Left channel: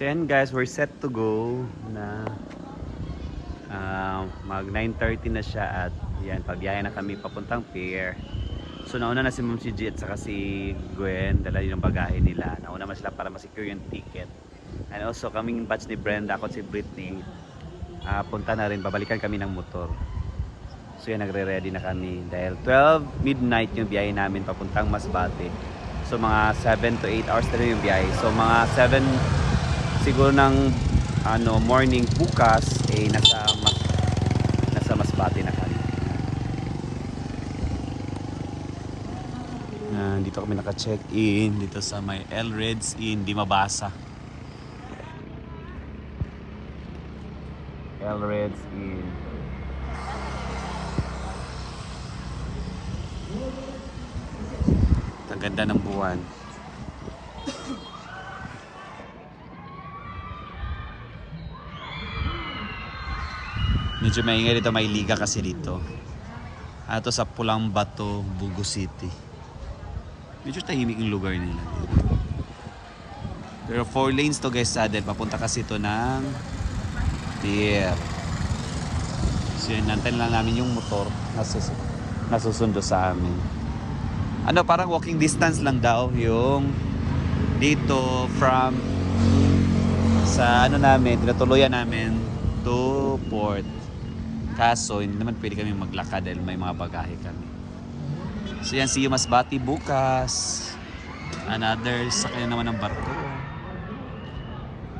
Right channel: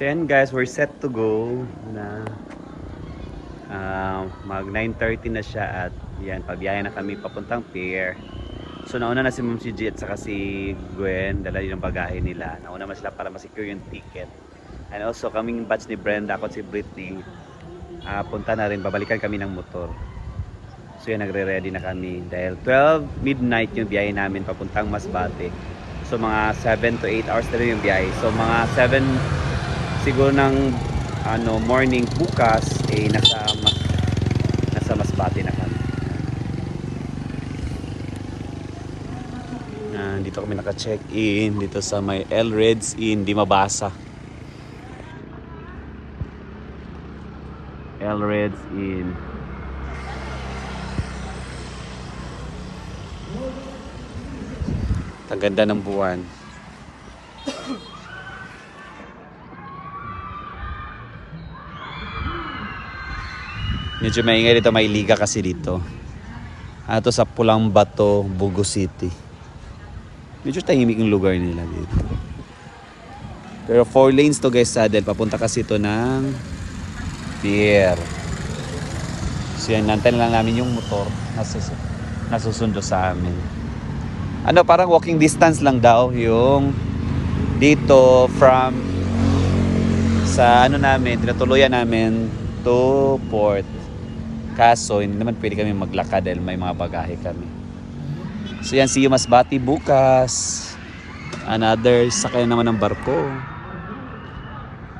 So yan guys, we're set to go na mag 9:30 na siya at yan, pabiyahe na kami papuntang pier. So nauna na si Ma'am si G at saka si Gwen, dala yung bagahe nila. Nauna na sila para ma-secure yung ticket. And also kaming batch ni Brenda, ako at si Britney, punta na rin, babalikan kami ng motor. So yan, nagre-ready na kami dahil 12 midnight yung biyahe namin papuntang Masbate. So mga 7 to 8 hours na rin yung biyahe. So mga 7 siguro ng morning bukas nasa Masbate na kami. Dito kami naka-check-in dito sa may El Reds Inn, Di Mabasa. El Reds Inn. Ang ganda ng buwan. Medyo maingay dito, may liga kasi dito. Ito sa Pulang Bato, Bugo City. Medyo tahimik yung lugar nila dito. Pero 4 lanes to guys, saddle. Papunta kasi ito ng pier. So yan, nantayin lang namin yung motor nasusundo sa amin. Parang walking distance lang daw yung dito from sa namin, tinutuluyan namin to port. Kaso hindi naman pwede kami maglakad dahil may mga bagahe kami. So yan, see you Masbate bukas. Another sakay naman ng barko.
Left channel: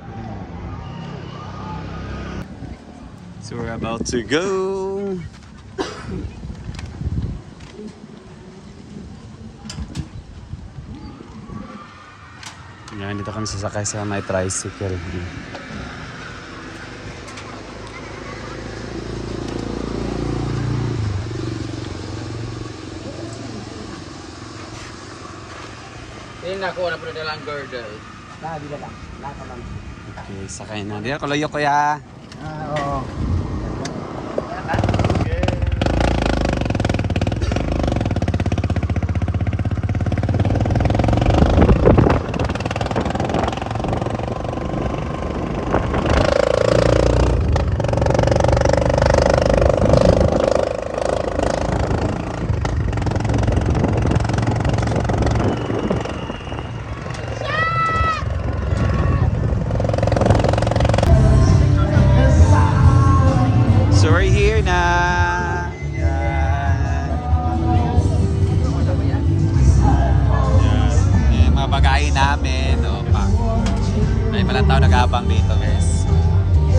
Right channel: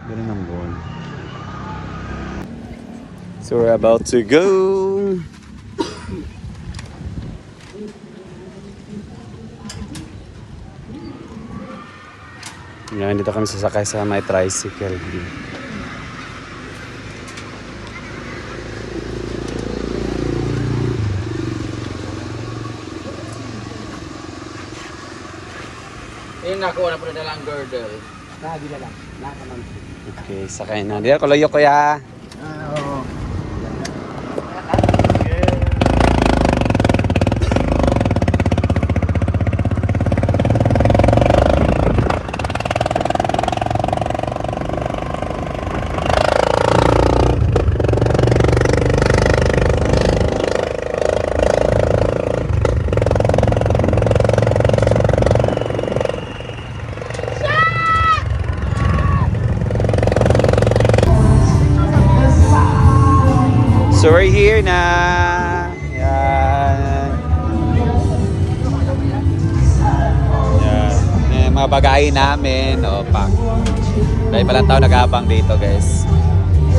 Ganun ang buwan. So we're about to go. Yan, dito kami sasakay sa may tricycle. Nakuha na po na lang girdle. Lagi na lang. Nakaman. Okay, sakay na. Diyan, kaloyo kuya. Oo. So we're here na. Yan. Yan. Mga bagahe namin. Opa. Dahil palang tao nag-aabang dito guys.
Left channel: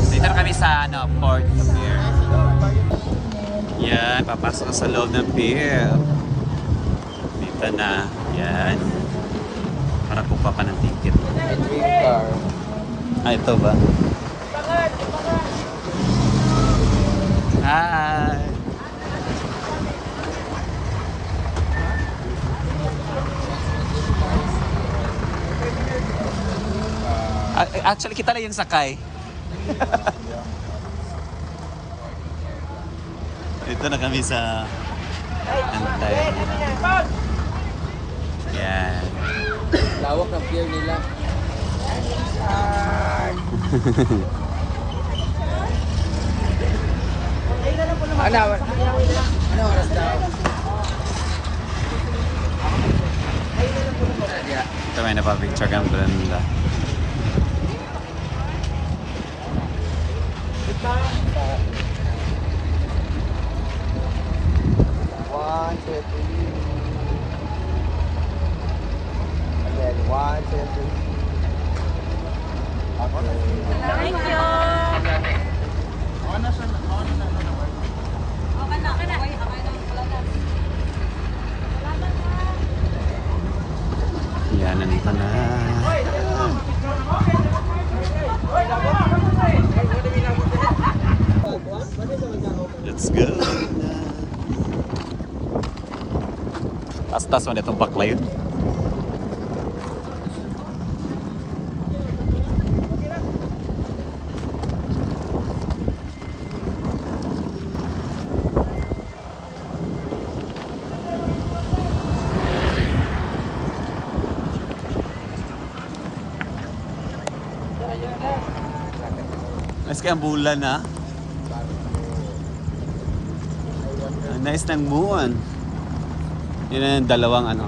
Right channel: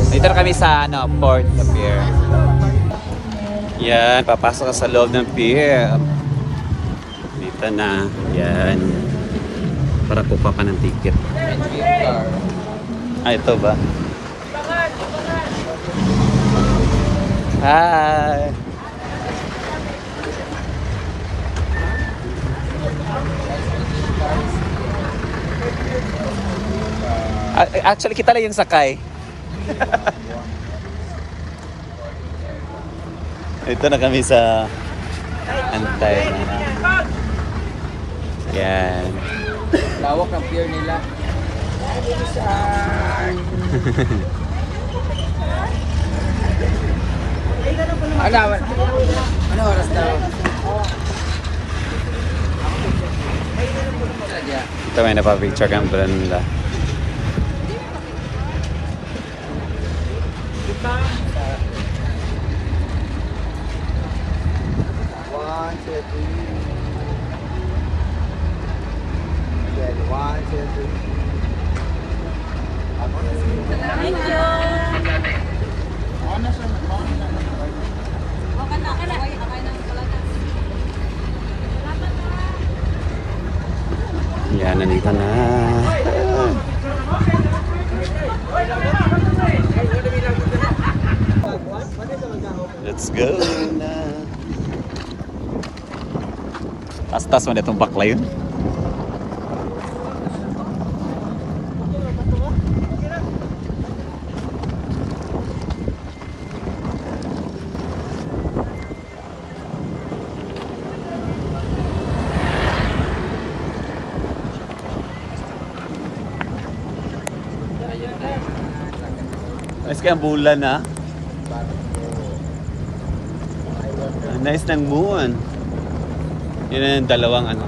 Dito na kami sa port sa pier. Yan. Papasok ka sa loob ng pier. Dito na. Yan. Para kupa ka ng ticket. Ito ba? Hi! Actually, kita lang yung sakay. Ito na kami sa antay na. Yan. Lawak ng pier nila. Ano oras daw? Ito may napapicture kang Brenda. One, two, three. Again, one, two, three. Thank you. Yan, nandito na. Let's go na. Tas-tas mo na itong bakla yun. Mas kaya ang bulan na. Ang nice ng buwan. Yun na yung dalawang ano.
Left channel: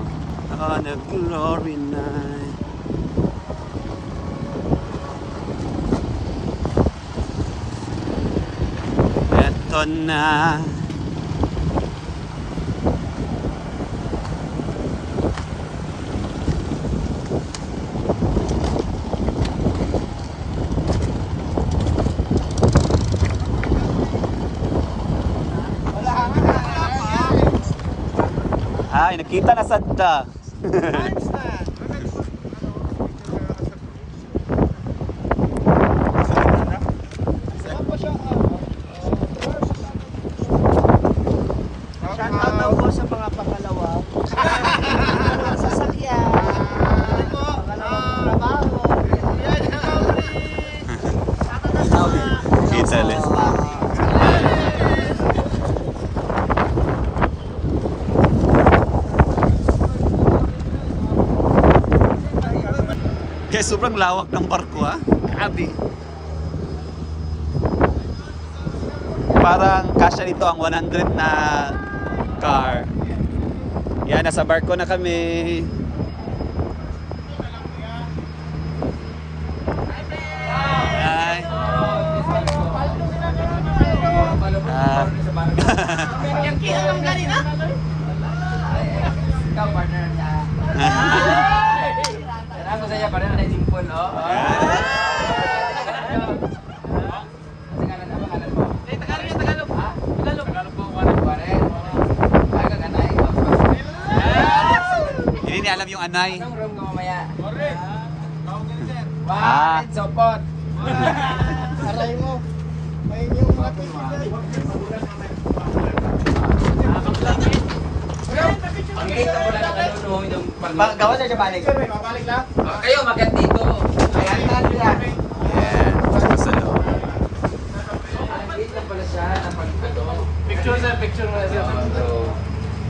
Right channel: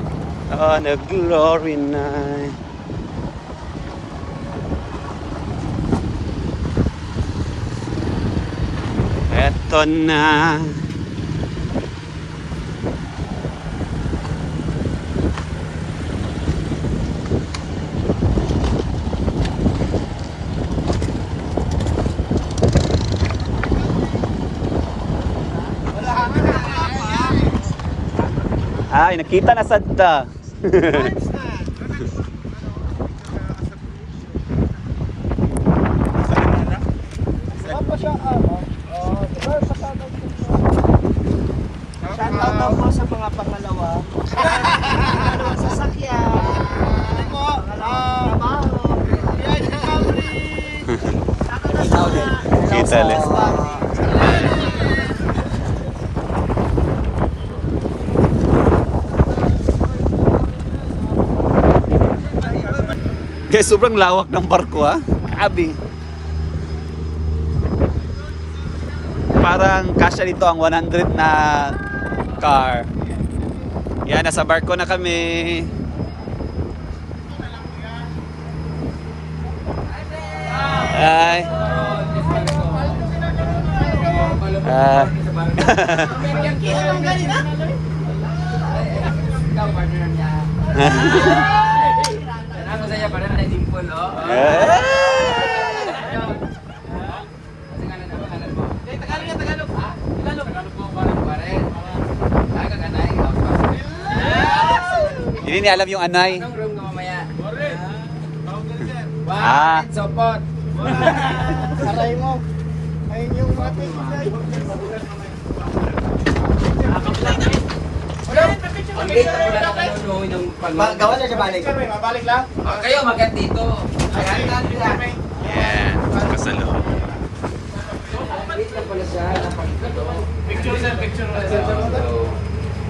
On a glory night. Eto na. Ay, nakita na sadta. Shoutout po sa mga pangalawa. Sasakyan. Ano po? Kita les. Kaya sobrang lawak ng barko ha. Grabe. Parang kasya dito ang 100 na car. Yan, nasa barko na kami. Ay. Ah. Ako saya pa rin na dimple, oh. Hindi niya alam yung anay. Anong room ko mamaya? Ah. Support. Ang late ako na nanonood ng pag- Gawa na siya balik. Kayo magat dito. Yan. Sa loob. Ang late lang pala siya na pag ano. Picture na.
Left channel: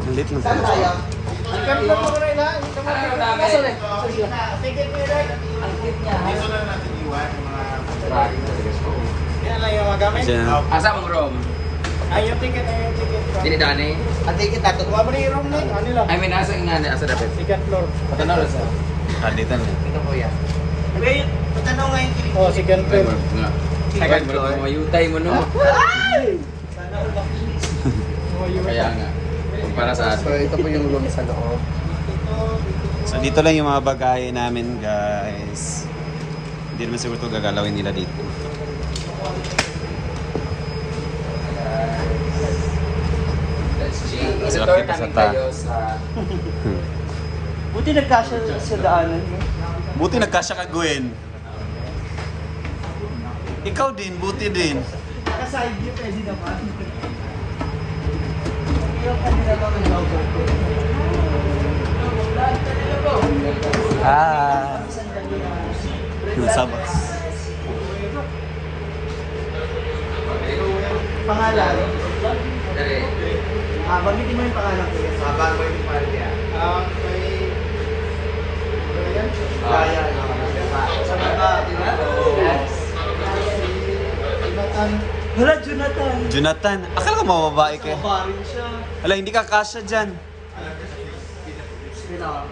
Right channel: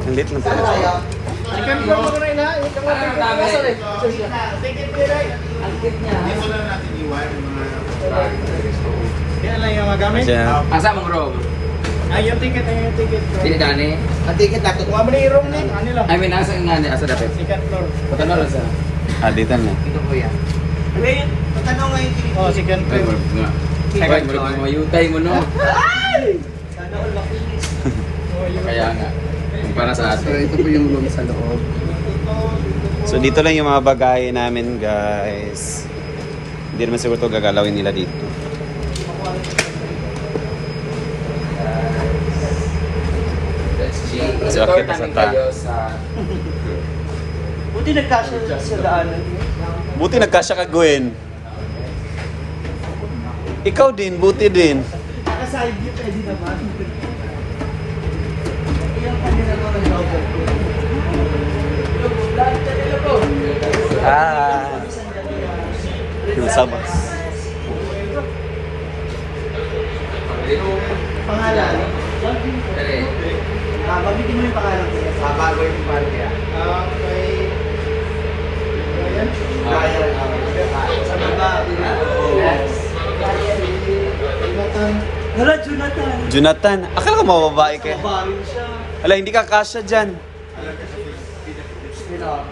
Ang lit lang pala. Ang cute niya. Kaya lang yung magamit. Masya. Asa mong room? Ay, yung ticket. Dili dani. Ang ticket na ito. Wala yung room na. I mean, asa nga asa dapat. Second floor. Patano na sa. Ah, dito na. Ito ko yan. Wait, tanong ngayon ticket. Oh, second floor. Second floor. Mayutay mo no. Kaya nga. Kumpara sa atin. Ito po yung room sa loob. So dito lang yung mga bagay namin guys. Hindi naman siguro ito gagalawin nila dito. Kasi okay pa sa ta. Buti nagkasya sa daanan. Buti nagkasya ka Gwen. Ikaw din, buti din. Naka-side view pwede naman. Ilang kanila ba mag-overcook? Ah. Yung sabas. Pangalan? Dali. Bagitin mo yung pangalan ko yan. Bago yung party ah. Okay. Ryan. Sa mga Hala, Jonathan. Jonathan, akala ko mababae ka. Baril siya. Ala, hindi ka kasya dyan. Sila.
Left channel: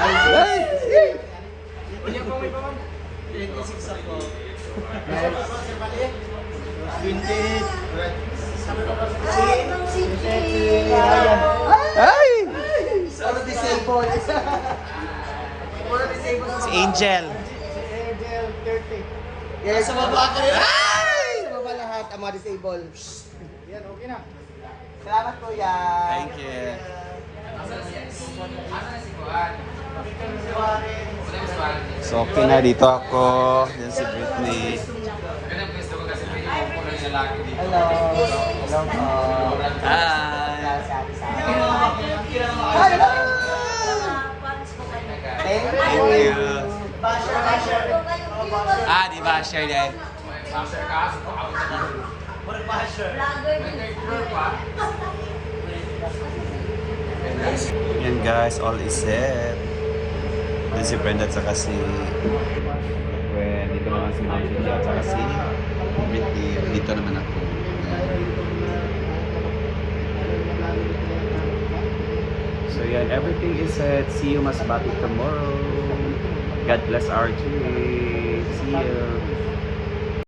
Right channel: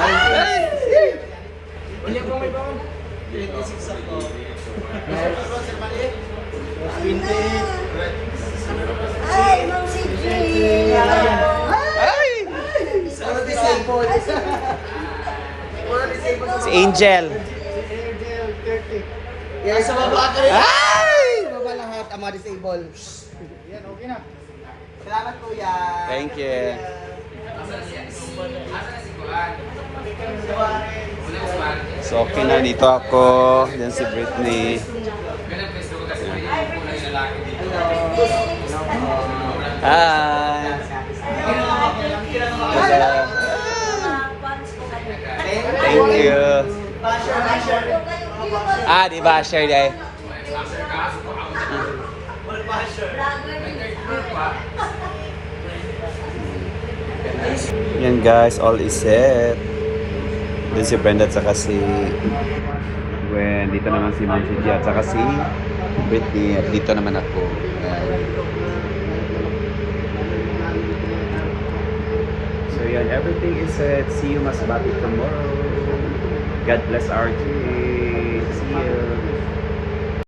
Ay! Hindi ako may bawang. Ilang isip ako. 28. Ay, Ma'am Siki! Ay! Puro disabled. Puro disabled sa Si Angel. Angel, 30. Yes, sa baba ako. Ay! Sa baba lahat ang mga disabled. Yan, okay na. Salamat kuya. Thank you. So okay na, dito ako. Diyan si Britney. Hi! Thank you. Ah, di ba? Share day. Yan guys, all is set. Din si Brenda at saka si Gwen. Dito naman si Ma'am Gigi at saka si Britney. At dito naman ako. Yan. So yan, everything is set. See you Masbate tomorrow. God bless RJ. See you.